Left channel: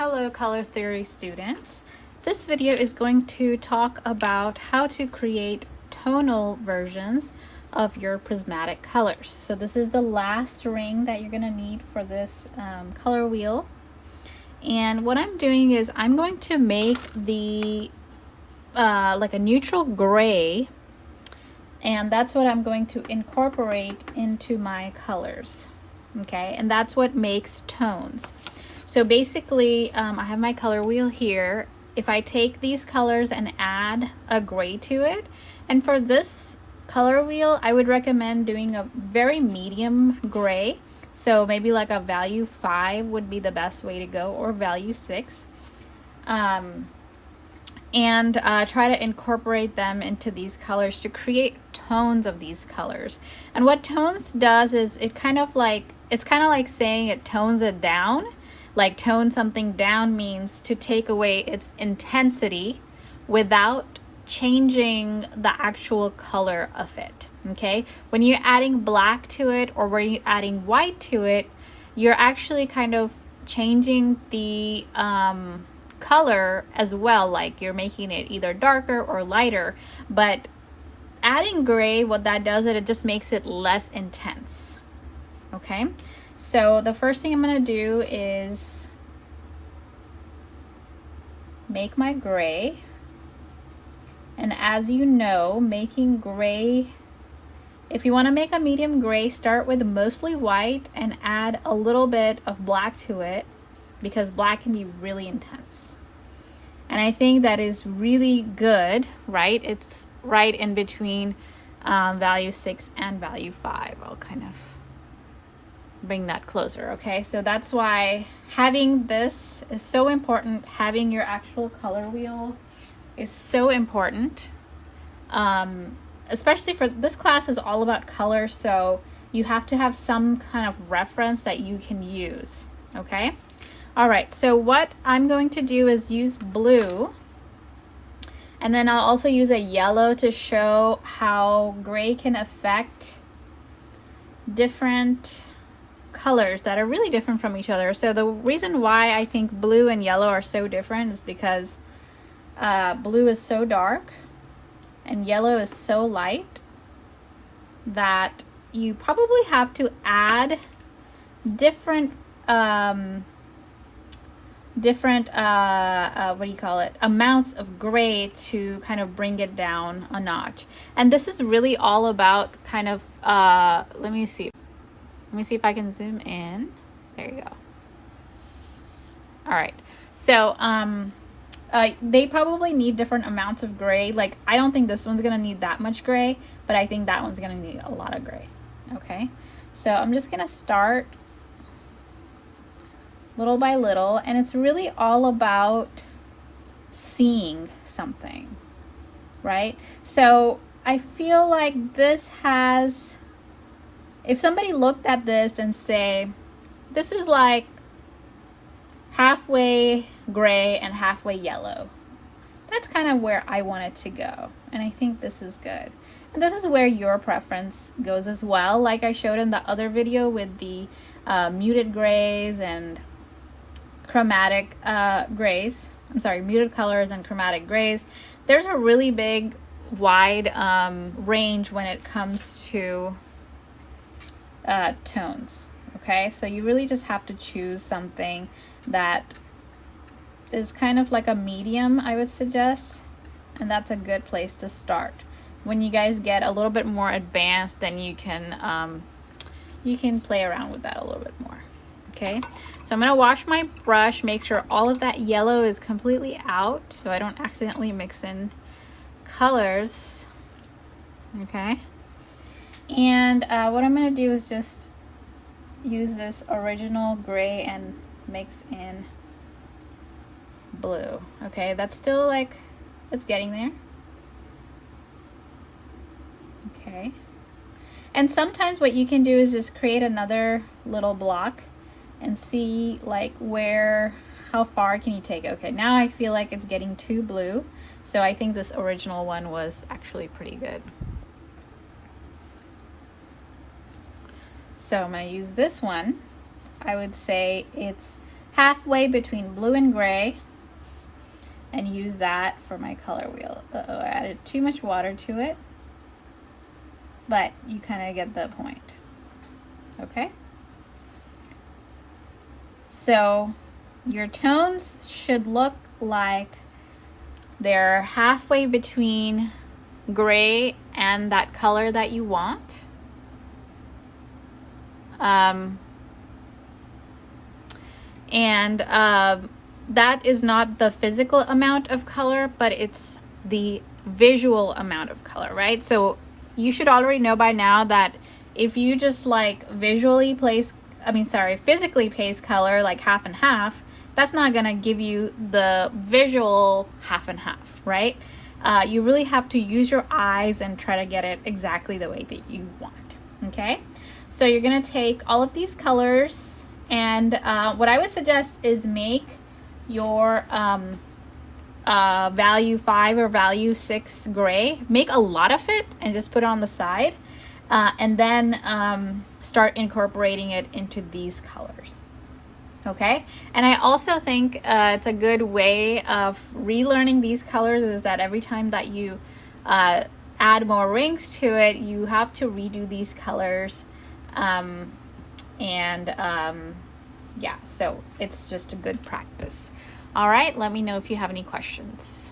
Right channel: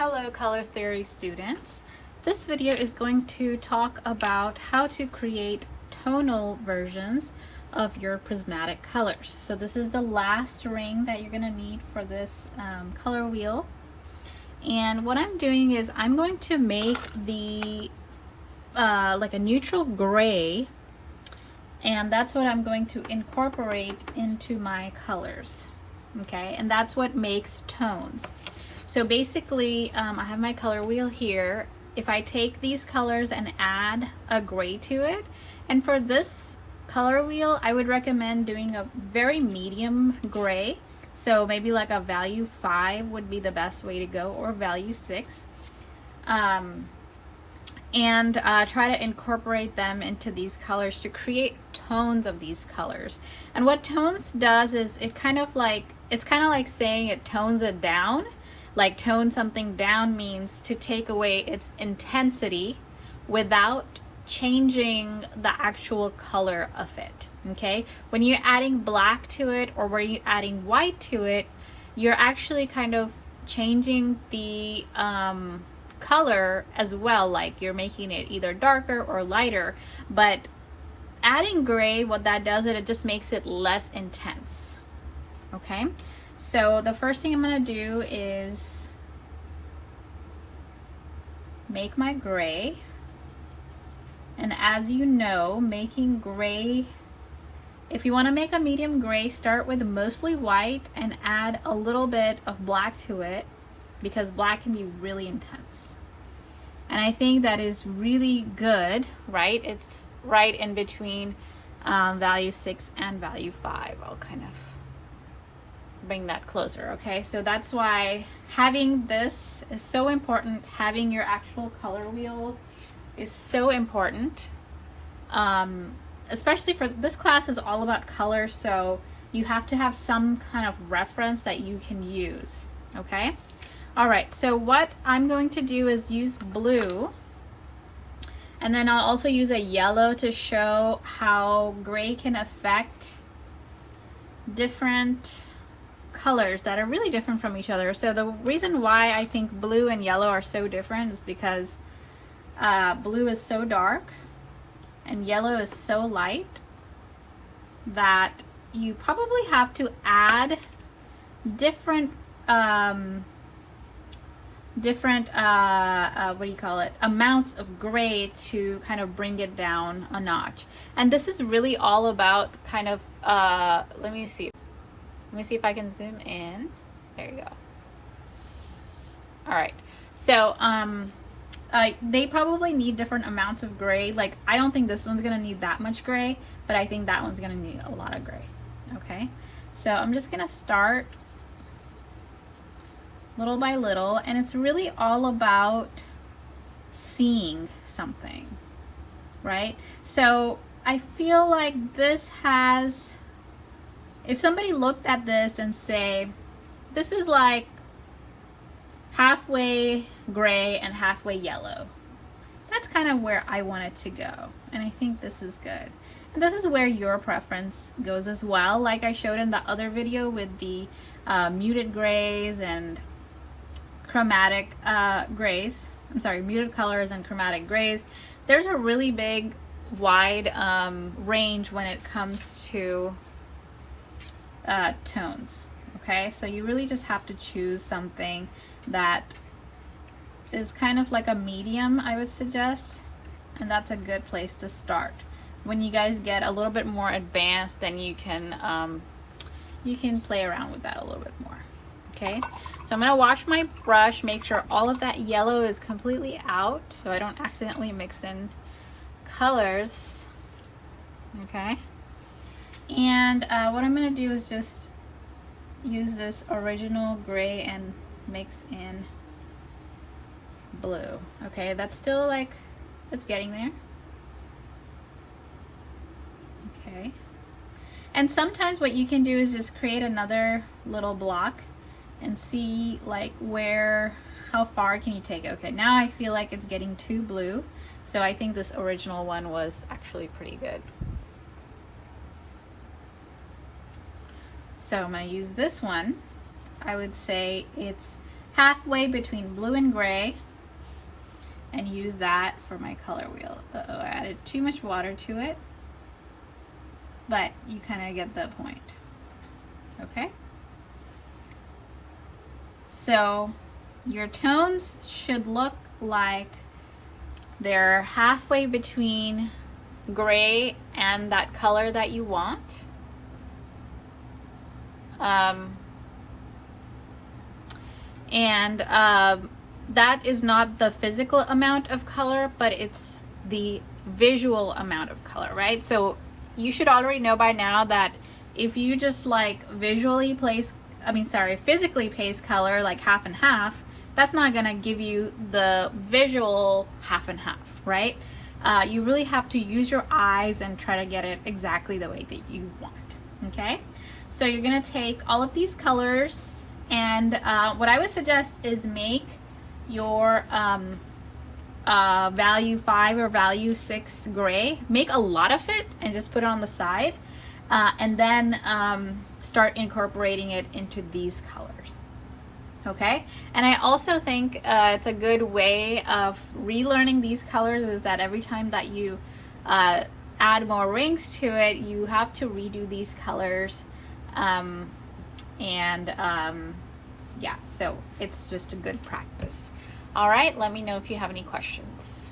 Hello color theory students. This video is going to talk about how to create tonal versions of your prismatic colors. So this is the last ring that you're going to need for this color wheel. And what I'm doing is I'm going to make the like a neutral gray, and that's what I'm going to incorporate into my colors. Okay, and that's what makes tones. So basically, I have my color wheel here. If I take these colors and add a gray to it, and for this color wheel, I would recommend doing a very medium gray. So maybe like a value 5 would be the best way to go, or value 6. And try to incorporate them into these colors to create tones of these colors. And what tones does is it's kind of like saying it tones it down. Like tone something down means to take away its intensity without changing the actual color of it. Okay, when you're adding black to it or when you're adding white to it, you're actually kind of changing the color as well. Like you're making it either darker or lighter. But adding gray, what that does is it just makes it less intense. Okay, so the first thing I'm going to do is make my gray. And as you know, making gray, if you want to make a medium gray, start with mostly white and add a little bit of black to it, because black can be really intense. And I think that is really good, right? It's right in between value 6 and value 5. I'll kind of bring that closer. Okay, so that's why having this is so important. Having your actual color wheel is so important, especially for this class is all about color, so you have to have some kind of reference that you can use. Okay, all right, so what I'm going to do is use blue, and then I'll also use a yellow to show how gray can affect different colors that are really different from each other. So the reason why I think blue and yellow are so different is because blue is so dark and yellow is so light that you probably have to add different amounts of gray to kind of bring it down a notch. And this is really all about kind of let me see if I can zoom in. There you go. All right, so they probably need different amounts of gray. Like I don't think this one's gonna need that much gray, but I think that one's gonna need a lot of gray. Okay, so I'm just gonna start little by little, and it's really all about seeing something, right? So I feel like this has, if somebody looked at this and say, this is like halfway gray and halfway yellow, that's kind of where I want it to go. And I think this is good. And this is where your preference goes as well. Like I showed in the other video with the muted grays and chromatic grays. I'm sorry, muted colors and chromatic grays. There's a really big, wide range when it comes to tones. Okay, so you really just have to choose something that is kind of like a medium, I would suggest, and that's a good place to start. When you guys get a little bit more advanced, then you can play around with that a little bit more. Okay, so I'm gonna wash my brush, make sure all of that yellow is completely out so I don't accidentally mix in colors. Okay, and what I'm gonna do is just use this original gray and mix in blue. Okay, that's still like, it's getting there. Okay, and sometimes what you can do is just create another little block and see like how far can you take it. Okay, now I feel like it's getting too blue, so I think this original one was actually pretty good. So I'm going to use this one. I would say it's halfway between blue and gray and use that for my color wheel. Uh-oh, I added too much water to it, but you kind of get the point. Okay? So your tones should look like they're halfway between gray and that color that you want. That is not the physical amount of color, but it's the visual amount of color, right? So you should already know by now that if you just like physically place color like half and half, that's not gonna give you the visual half and half, right? You really have to use your eyes and try to get it exactly the way that you want, okay? So you're gonna take all of these colors, and what I would suggest is make your value 5 or value 6 gray. Make a lot of it and just put it on the side, and then start incorporating it into these colors. Okay, and I also think it's a good way of relearning these colors is that every time that you add more rings to it, you have to redo these colors, yeah, so it's just a good practice. All right, let me know if you have any questions.